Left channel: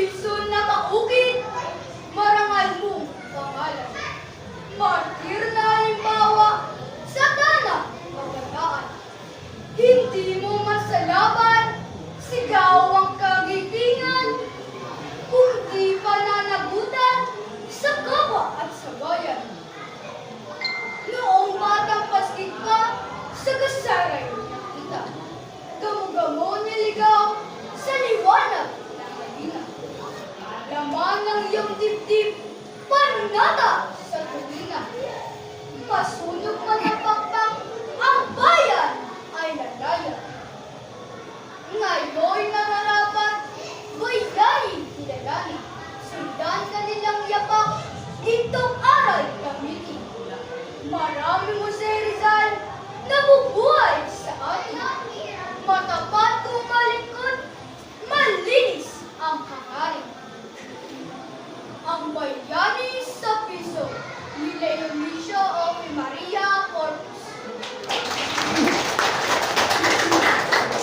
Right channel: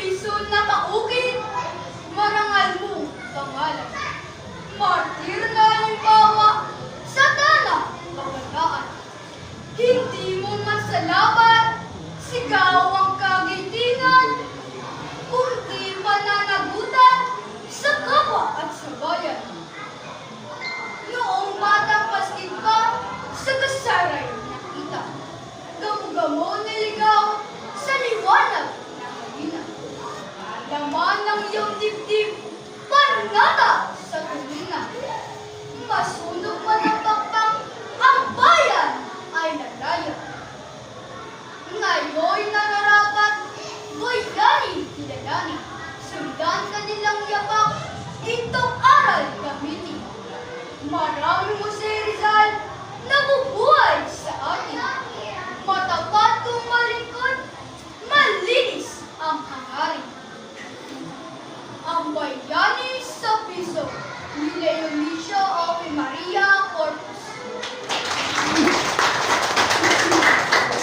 serbisyo na maukit, marangal mong pangalan. Martir na halimbawa sa tanang kabataan. Hindi mo man sa laban, sigaw ang kagitingan, kundi pananagutan sa kapwa at sa bayan. Noong batang paskid pa, sa kasaray nakita, gamo-gamo niligaw sa liwanag na halina. Laman ng iyong dibdib, panata sa tulina. Masunog man ang pakpang, ang bayan ay nalaya. Ngayon'y nararapat, bayani kilalanin. Sundan kanilang yapak, itong aral gamitin. Marami mo si Rizal, nabubuhay sa atin. Matapat